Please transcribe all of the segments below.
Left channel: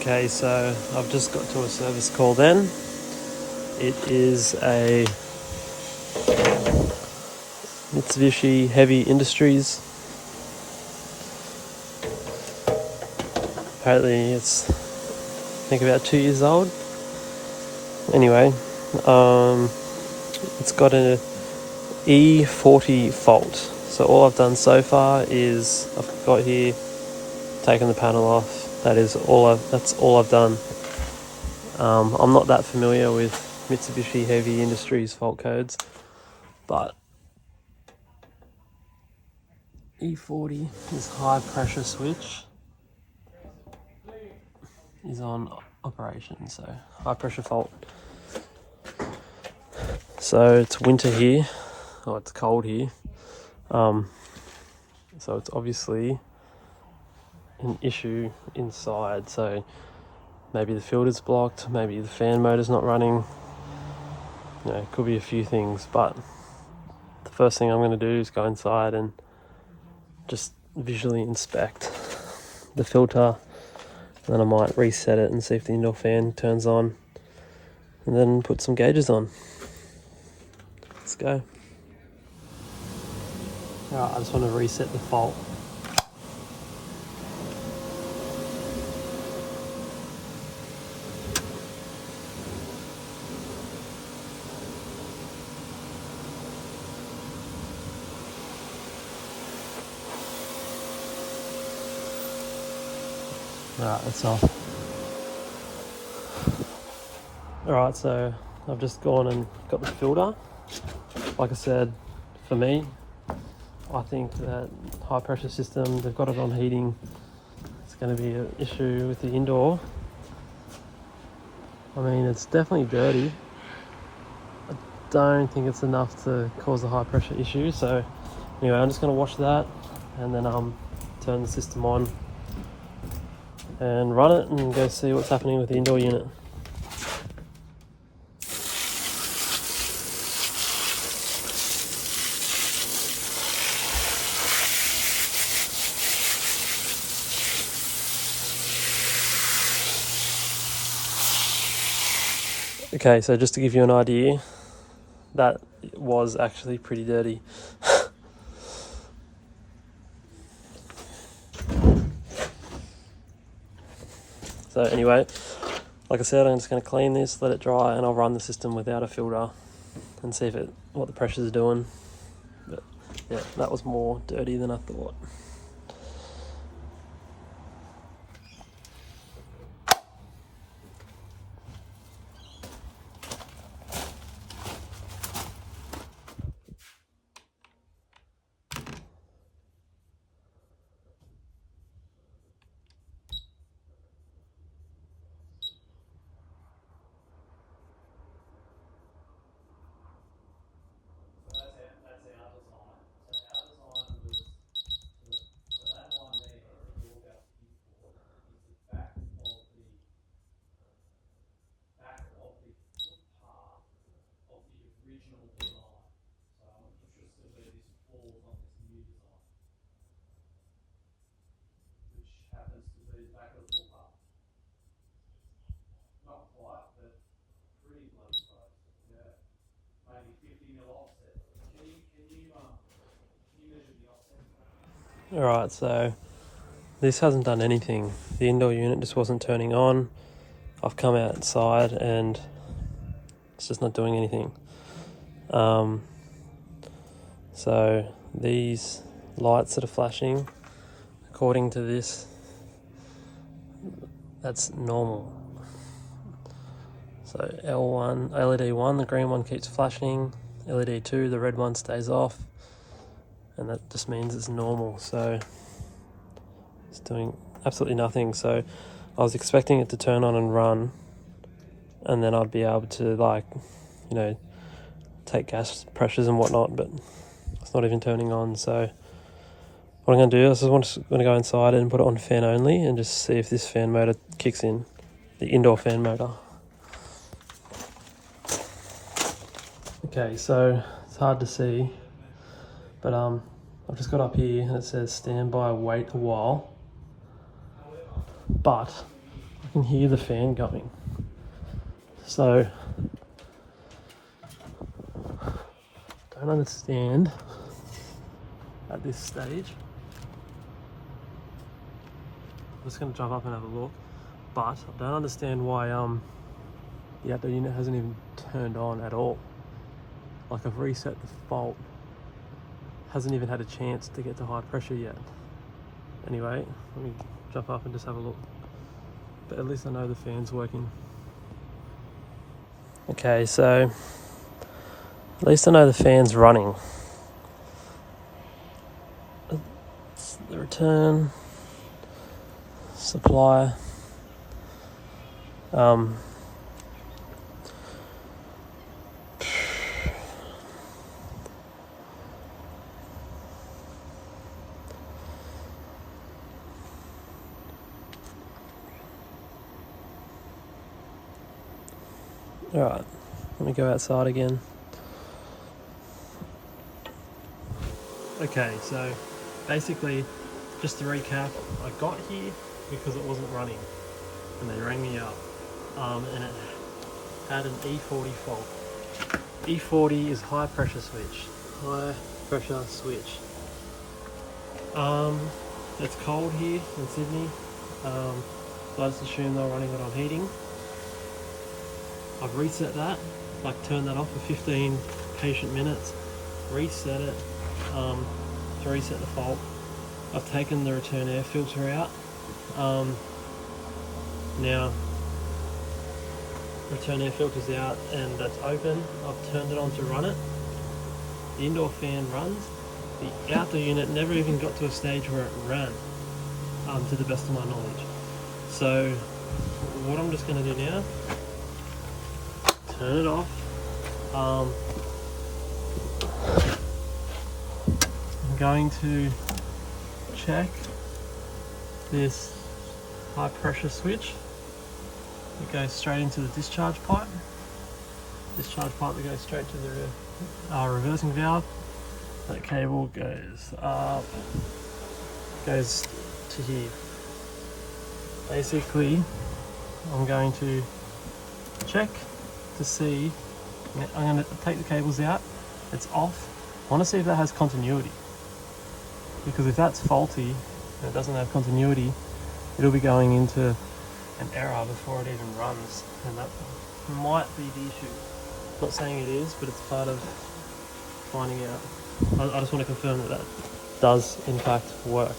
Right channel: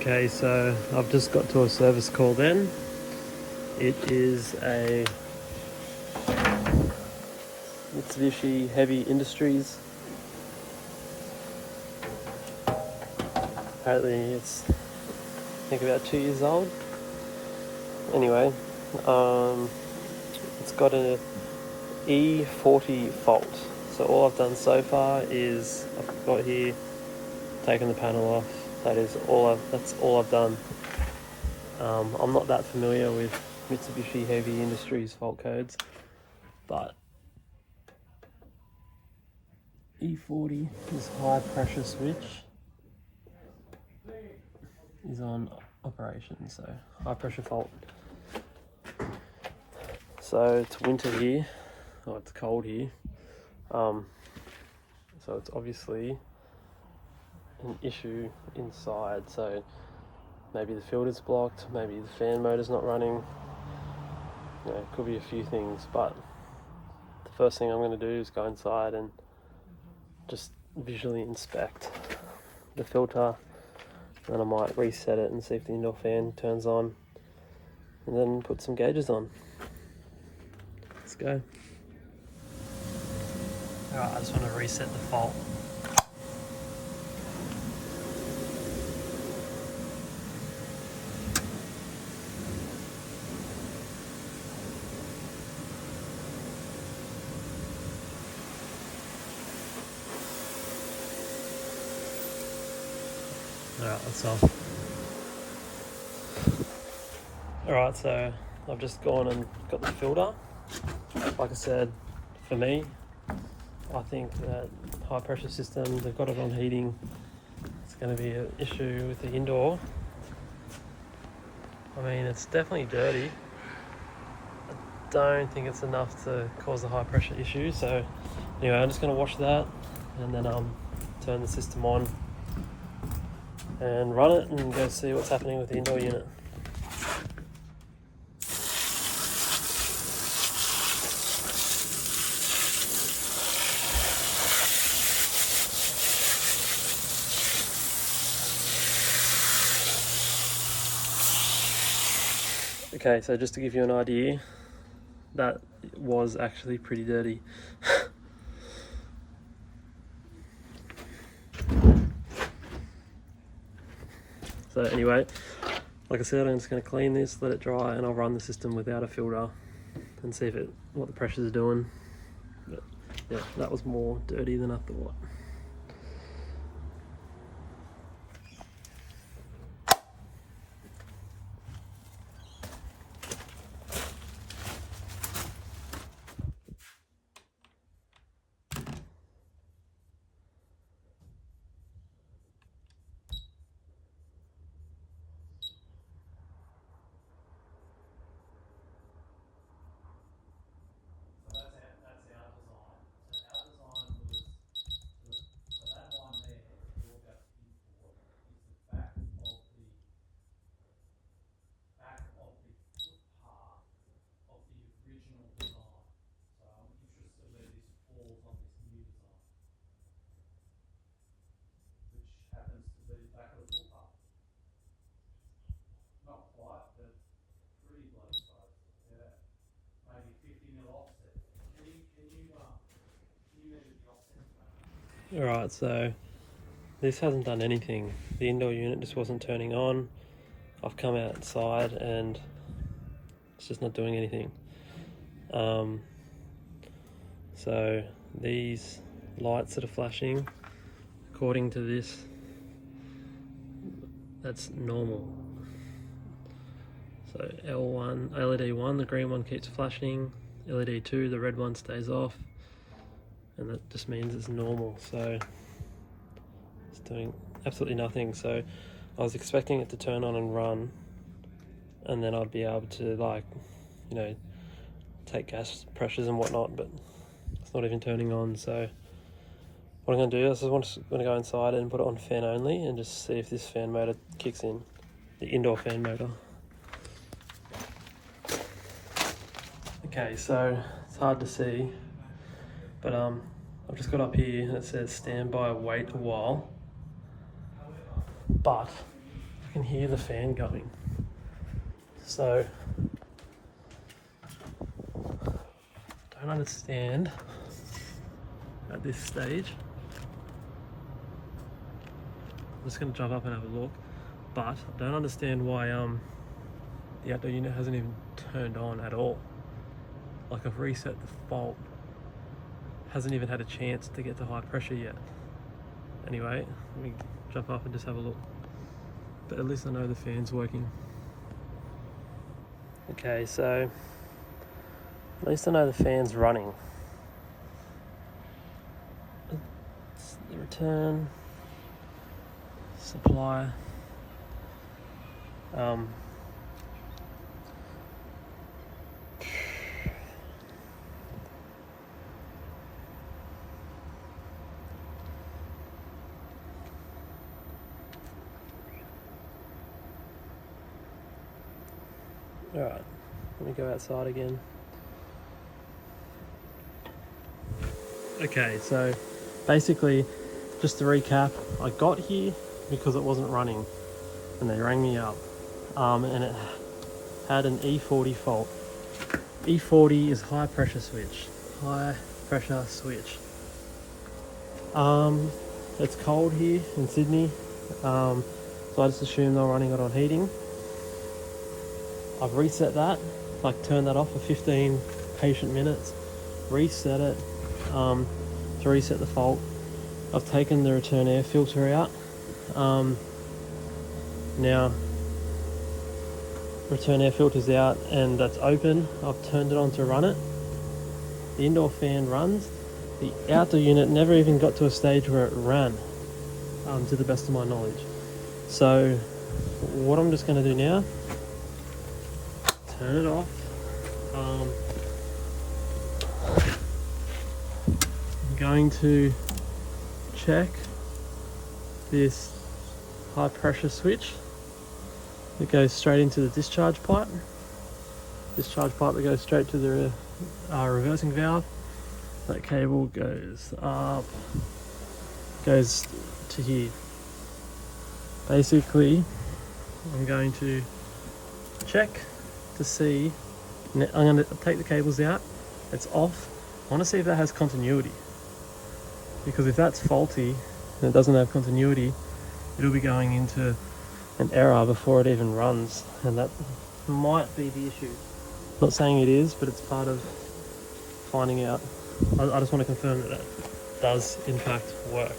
Okay, so I've just got to a service call then. It is a Mitsubishi Heavy Industries. Apparently it's, I think, about 2 years old. Anyway, it's got an E40 fault. So all I've done so far is I've got here, taken the panel off. That's all I've done. I'm not that familiar with Mitsubishi Heavy Industries fault codes, but E40 is high pressure switch is on operation, so high pressure fault. So it's winter here, or it's cold here, so it's obviously an issue inside. So maybe the filter's blocked, maybe the fan motor's not running, it could be a few things. But the first thing I'm going to do is go inside and just visually inspect the filter, and then I might reset it and see if the indoor fan turns on, and then put some gauges on. Let's go. Alright, I just want to reset the fault. Alright, that's off. Alright, so I've just gone and got the filter. Like I said, for me, I think that high pressure system, they've got it on heating. It's going to be an issue with the indoor. I mean, it's definitely dirty. I don't think it's enough to cause a high pressure issue. So anyway, I'm just going to wash that and then turn the system on and run it and go see what's happening with the indoor unit. Okay, so just to give you an idea, that was actually pretty dirty. So anyway, like I said, I'm just going to clean this, let it dry, and I'll run the system without a filter and see what the pressure's doing. But yeah, that was more dirty than I thought. Alright, so this hasn't done anything. The indoor unit just wasn't turning on. I've come outside and it's just not doing anything. So these lights that are flashing, according to this, that's normal. So L1, LED 1, the green one keeps flashing. LED 2, the red one stays off. And that just means it's normal. So it's doing absolutely nothing. So I was expecting it to turn on and run, and then I'd be able to take gas pressures and whatnot, but it's not even turning on. So what I'm going to do is I'm just going to go inside and put it on fan only and just see if this fan motor kicks in, the indoor fan motor. Okay, so it's hard to see, but I've just got up here and it says stand by, wait a while. But I can hear the fan going. So, don't understand at this stage. I'm just going to jump up and have a look, but I don't understand why the outdoor unit hasn't even turned on at all. Like, I've reset the fault, hasn't even had a chance to get to high pressure yet. Anyway, let me jump up and just have a look. But at least I know the fan's working. Okay, so at least I know the fan's running. It's the return supply. Alright, let me go outside again. Okay, so basically, just to recap, I got here because it wasn't running and they rang me up, and it had an E40 fault. E40 is high pressure switch. It's cold here in Sydney, so I just assume they're running it on heating. I've reset that, like turned that off for 15 patient minutes, reset it to reset the fault. I've taken the return air filter out. Now, return air filter's out and that's open. I've turned it on to run it. The indoor fan runs. The outdoor unit never even got to a stage where it ran, to the best of my knowledge. So, what I'm just going to do now, turn it off. I'm going to check this high pressure switch that goes straight into the discharge pipe. Discharge pipe that goes straight to the reversing valve. That cable goes up, goes to here. Basically, I'm going to check to see, I'm going to take the cables out, it's off. I want to see if that has continuity, because if that's faulty and it doesn't have continuity, it'll be going into an error before it even runs, and that might be the issue. Not saying it is, but it's part of finding out. I just want to confirm that that does in fact work.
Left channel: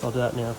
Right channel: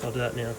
So I'll do that now.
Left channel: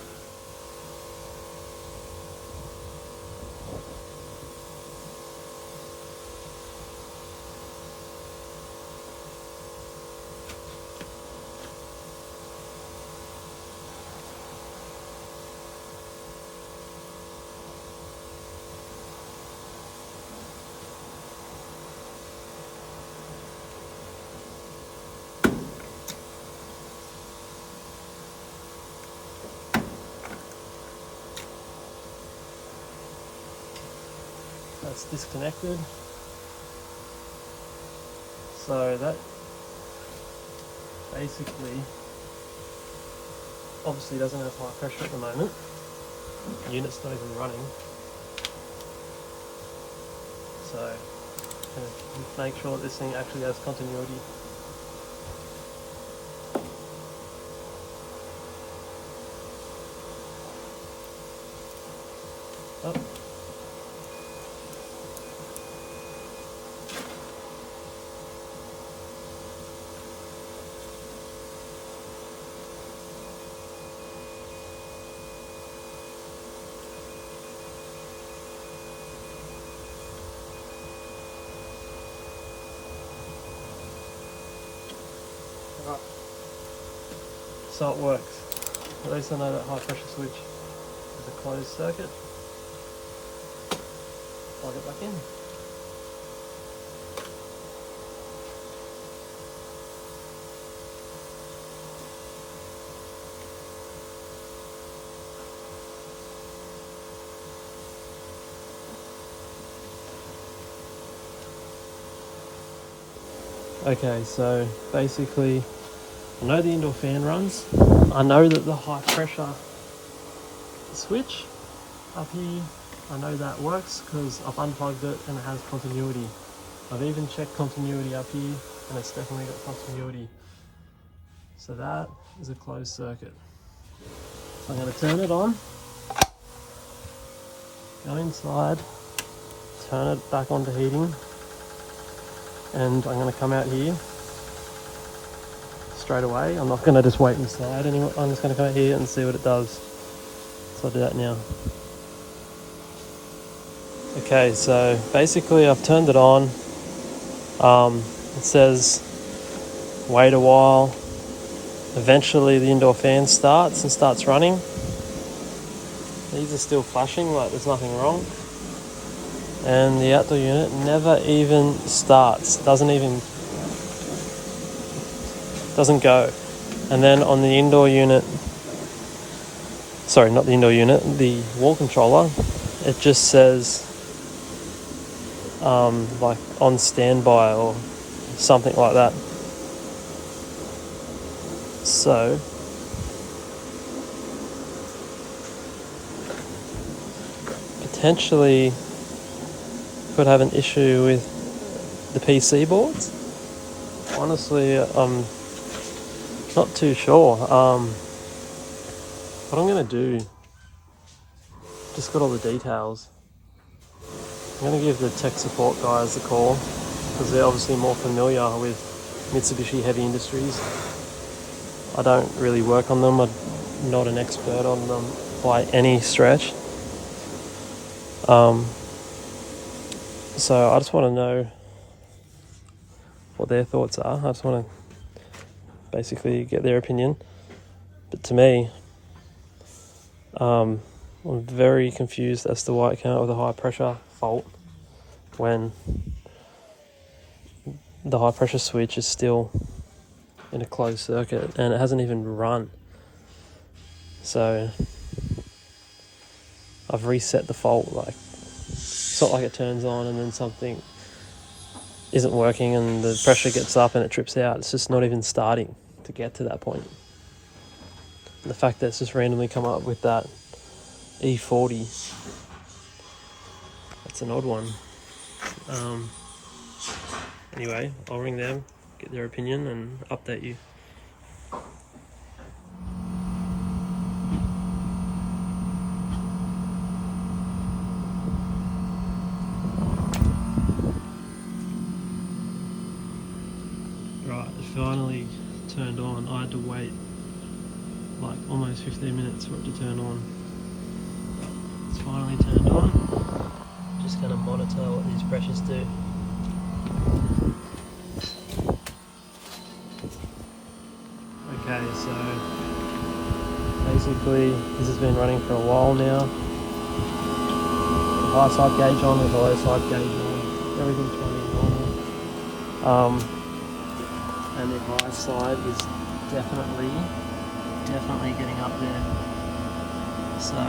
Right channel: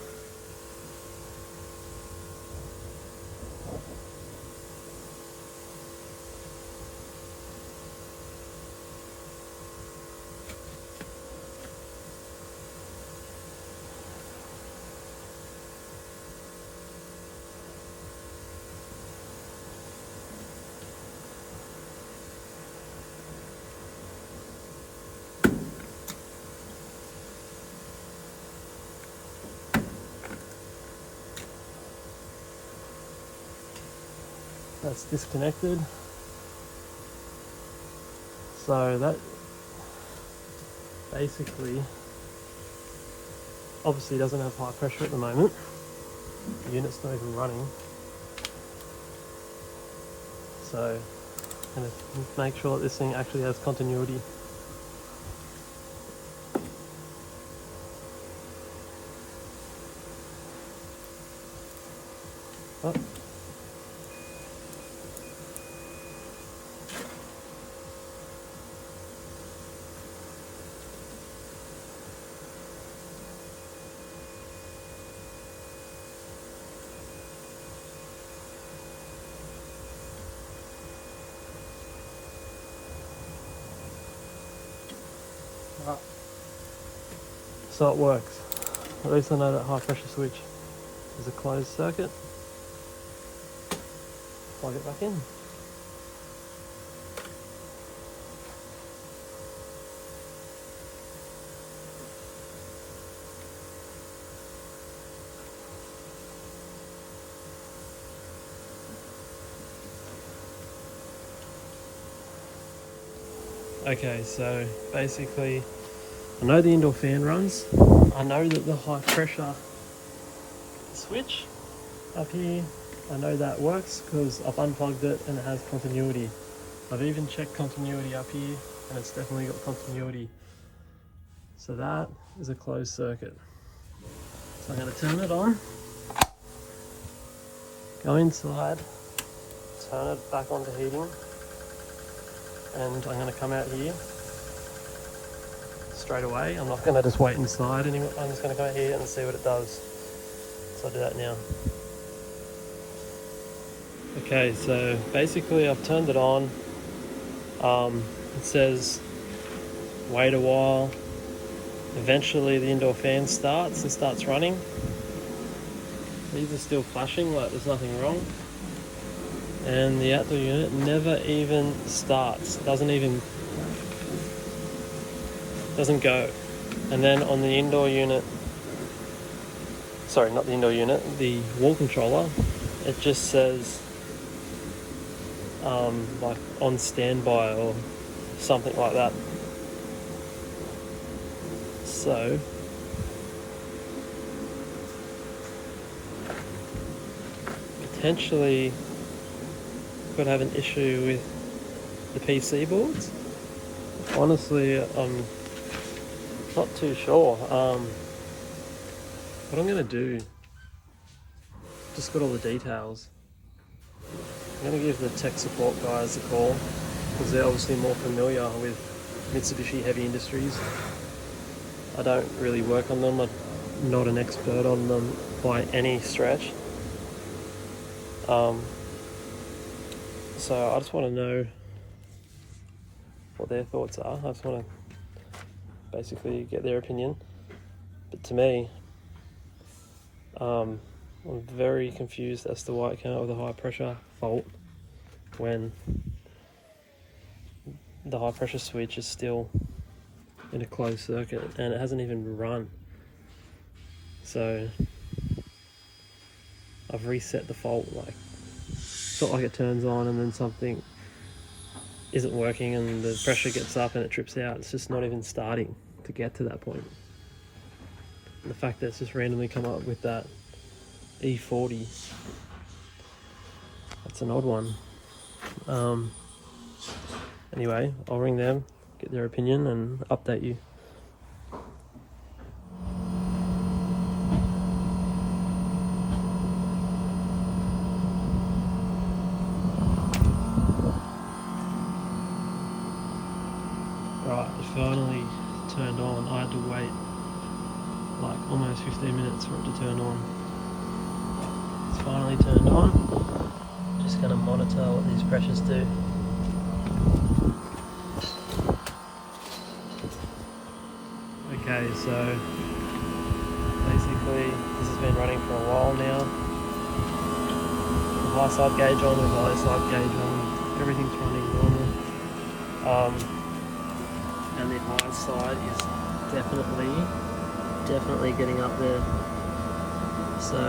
That's disconnected, so that basically obviously doesn't have high pressure at the moment. The unit's not even running, so make sure that this thing actually has continuity. Oh. So it works. At least I know that high pressure switch is a closed circuit. Plug it back in. Okay, so basically I know the indoor fan runs. I know that the high pressure switch up here, I know that works because I've unplugged it and it has continuity. I've even checked continuity up here and it's definitely got continuity. So that is a closed circuit. So I'm going to turn it on, go inside, turn it back on to heating, and I'm going to come out here straight away. I'm not going to just wait inside anymore. I'm just going to come out here and see what it does. So I'll do that now. Okay, so basically I've turned it on. It says wait a while. Eventually the indoor fan starts and starts running. These are still flashing like there's nothing wrong. And the outdoor unit never even starts, doesn't go. And then on the indoor unit, sorry, not the indoor unit, the wall controller, it just says like on standby or something like that. So potentially could have an issue with the PC boards. Honestly, I'm not too sure. What I'm going to do, just got all the details. I'm going to give the tech support guys a call because they're obviously more familiar with Mitsubishi heavy industries. I don't really work on them. I'm not an expert on them by any stretch. So I just want to know what their thoughts are. I just want to basically get their opinion. But to me, I'm very confused as to why it came out with a high pressure fault when the high pressure switch is still in a closed circuit and it hasn't even run. So I've reset the fault. Like, it's not like it turns on and then something isn't working and the pressure gets up and it trips out. It's just not even starting to get to that point. And the fact that it's just randomly come up with that E40, that's an odd one. Anyway, I'll ring them, get their opinion and update you. Right, it's finally turned on. I had to wait like almost 15 minutes for it to turn on. It's finally turned on. Just going to monitor what these pressures do. Okay, so basically this has been running for a while now. The high side gauge on, the low side gauge on, everything's running normal. And the high side is definitely getting up there. So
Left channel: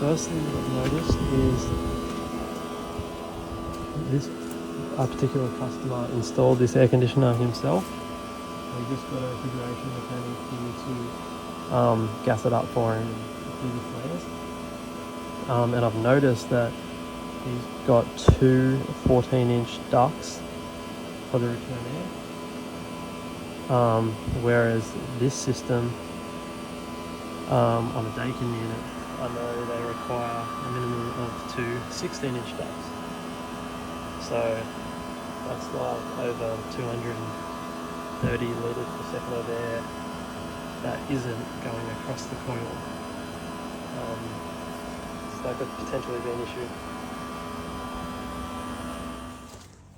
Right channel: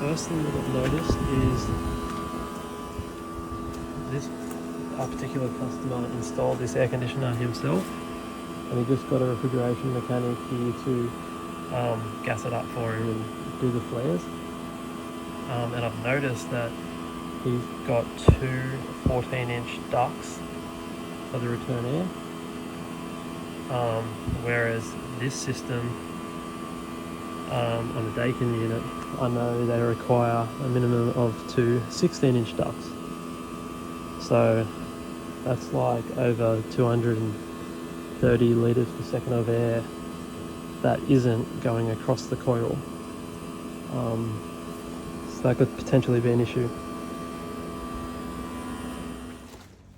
first thing that I've noticed is this particular customer installed this air conditioner himself, and he just got a refrigeration mechanic here to gas it up for him and do the flares. And I've noticed that he's got two 14-inch ducts for the return air, whereas this system on a Dakin unit, I know they require a minimum of two 16-inch ducts. So that's like over 230 litres per second of air that isn't going across the coil. So that could potentially be an issue.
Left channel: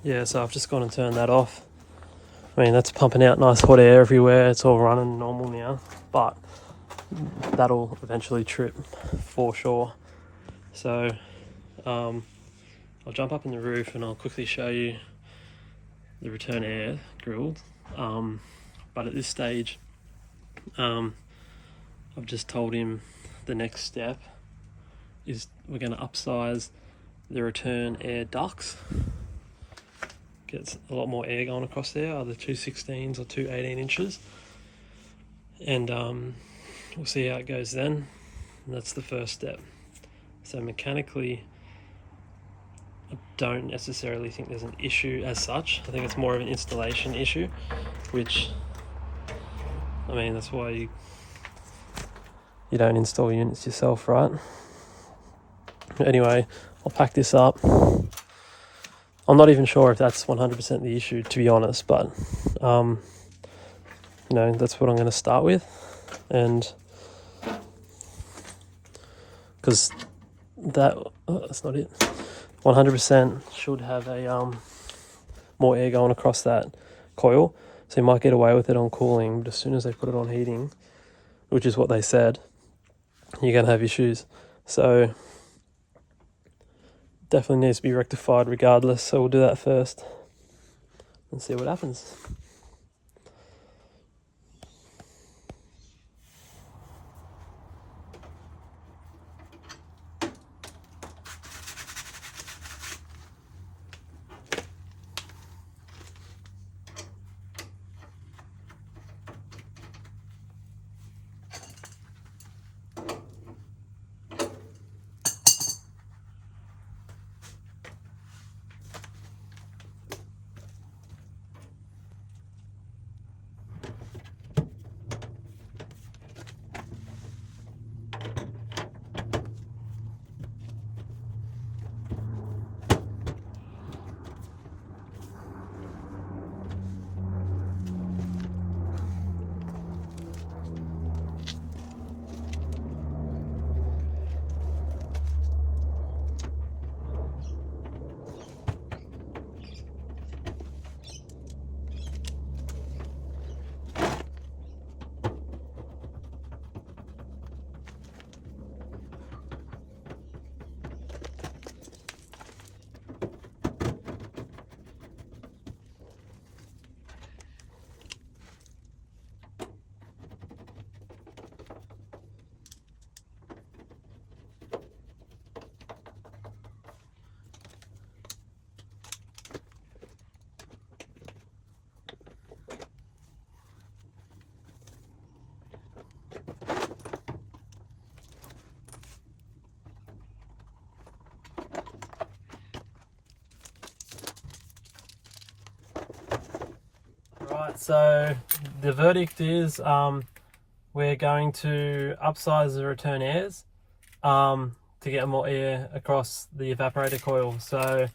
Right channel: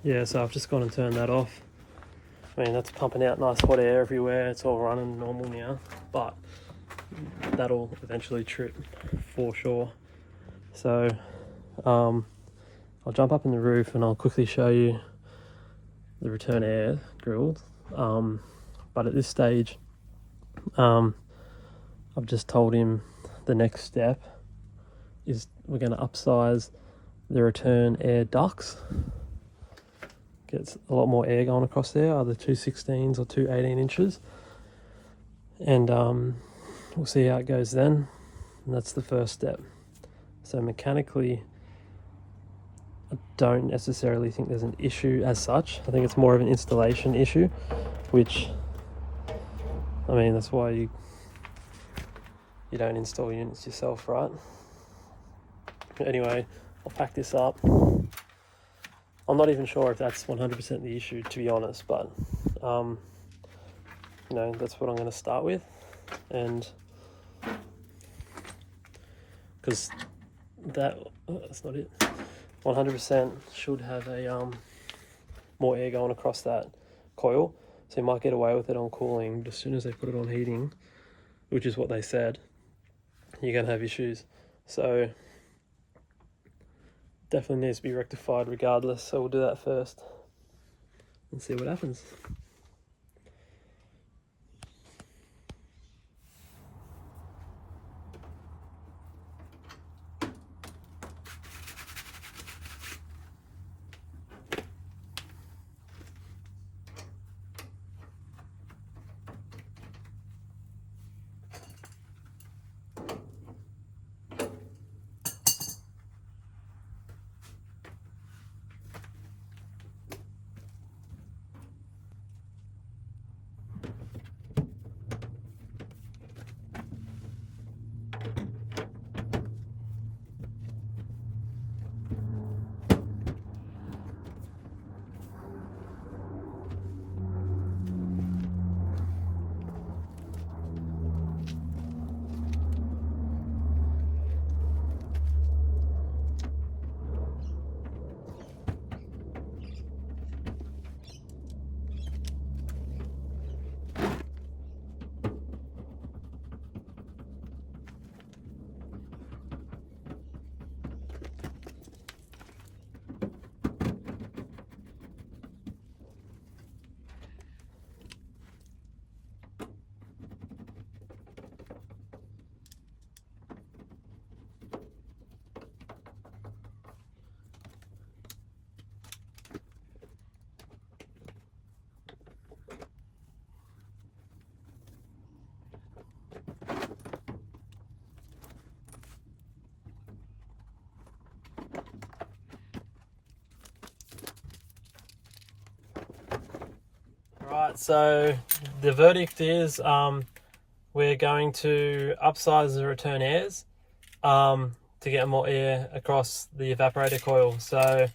Yeah, so I've just gone and turned that off. I mean, that's pumping out nice hot air everywhere. It's all running normal now, but that'll eventually trip for sure. So I'll jump up in the roof and I'll quickly show you the return air grilled. But at this stage, I've just told him the next step is we're going to upsize the return air ducts. Gets a lot more air going across there, either two 16s or two 18 inches. and we'll see how it goes then. And that's the first step. So mechanically, I don't necessarily think there's an issue as such. I think it's more of an installation issue, which, I mean, that's why you don't install units yourself, right? Anyway, I'll pack this up. I'm not even sure if that's 100% the issue, to be honest, but you know, that's what I'm going to start with. And because that's not it. 100% should have a more air going across that coil, so you might get away with it on cooling, but as soon as they put it on heating, which is what they said, you're going to have issues. So definitely needs to be rectified regardless, so we'll do that first and see what happens. Right, so the verdict is we're going to upsize the return airs to get more air across the evaporator coil. So we'll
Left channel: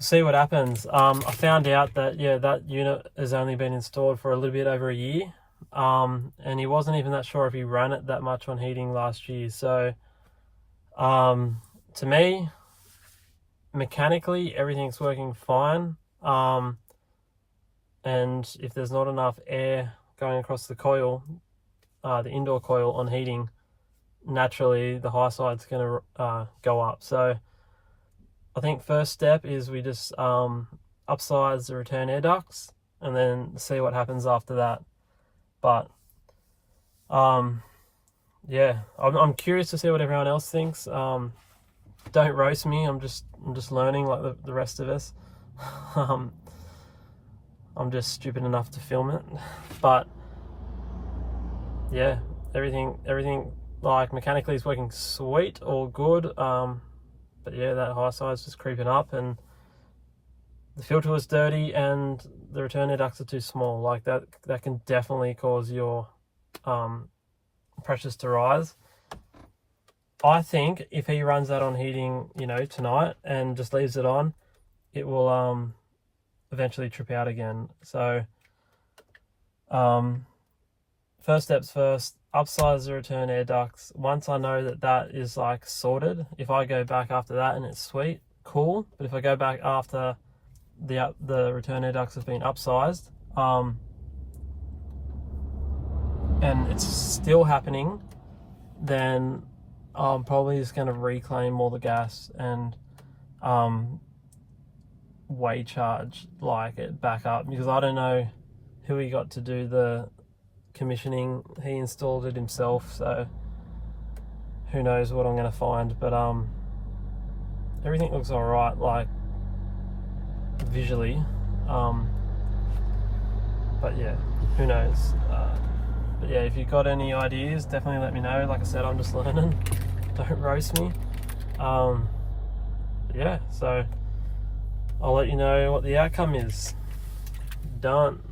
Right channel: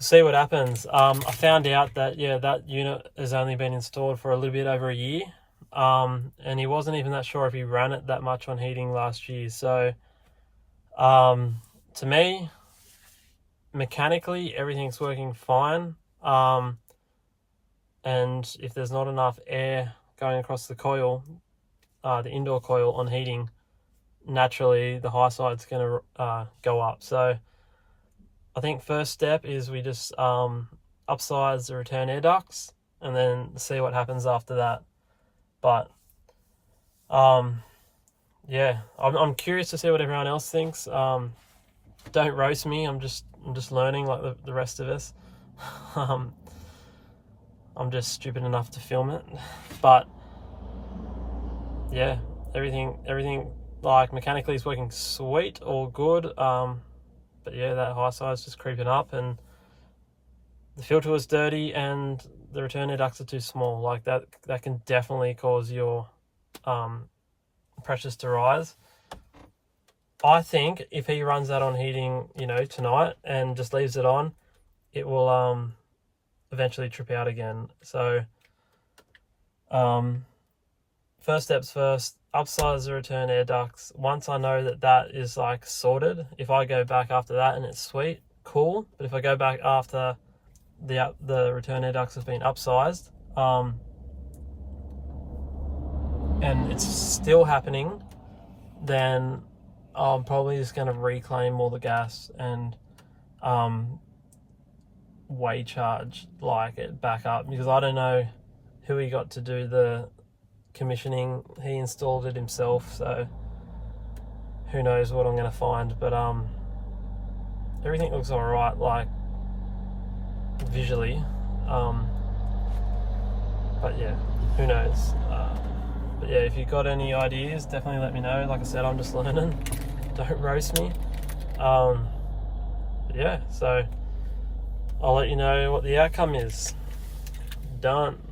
see what happens. I found out that, yeah, that unit has only been installed for a little bit over a year, and he wasn't even that sure if he ran it that much on heating last year. So to me, mechanically, everything's working fine. And if there's not enough air going across the coil, the indoor coil on heating, naturally the high side's going to go up. So I think first step is we just upsize the return air ducts and then see what happens after that. But yeah, I'm curious to see what everyone else thinks. Don't roast me. I'm just learning like the rest of us. I'm just stupid enough to film it, but yeah, everything like mechanically is working sweet, all good. But yeah, that high side's just creeping up, and the filter was dirty, and the return air ducts are too small. Like that can definitely cause your pressures to rise. I think if he runs that on heating, you know, tonight and just leaves it on, it will eventually trip out again. So first steps first, upsize the return air ducts. Once I know that is like sorted, if I go back after that and it's sweet, cool. But if I go back after the return air ducts have been upsized, and it's still happening, then I'm probably just going to reclaim all the gas and way charge like it back up, because I don't know who he got to do the commissioning. He installed it himself, so who knows what I'm going to find. But everything looks all right, like visually, but yeah, who knows. But yeah, if you've got any ideas, definitely let me know. Like I said, I'm just learning. Don't roast me. But yeah, so I'll let you know what the outcome is. Done.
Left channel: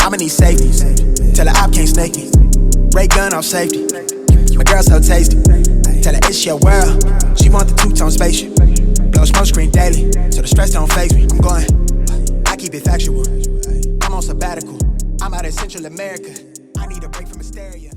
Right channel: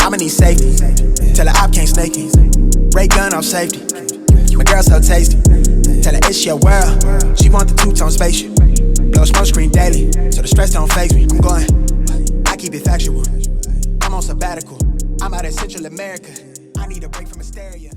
I'ma need safety. Tell her I can't snake me. Ray gun off safety. My girl so tasty. Tell her it's your world. She want the two-tone spaceship. Blow smoke screen daily, so the stress don't faze me. I'm going, I keep it factual. I'm on sabbatical. I'm out in Central America. I need a break from hysteria.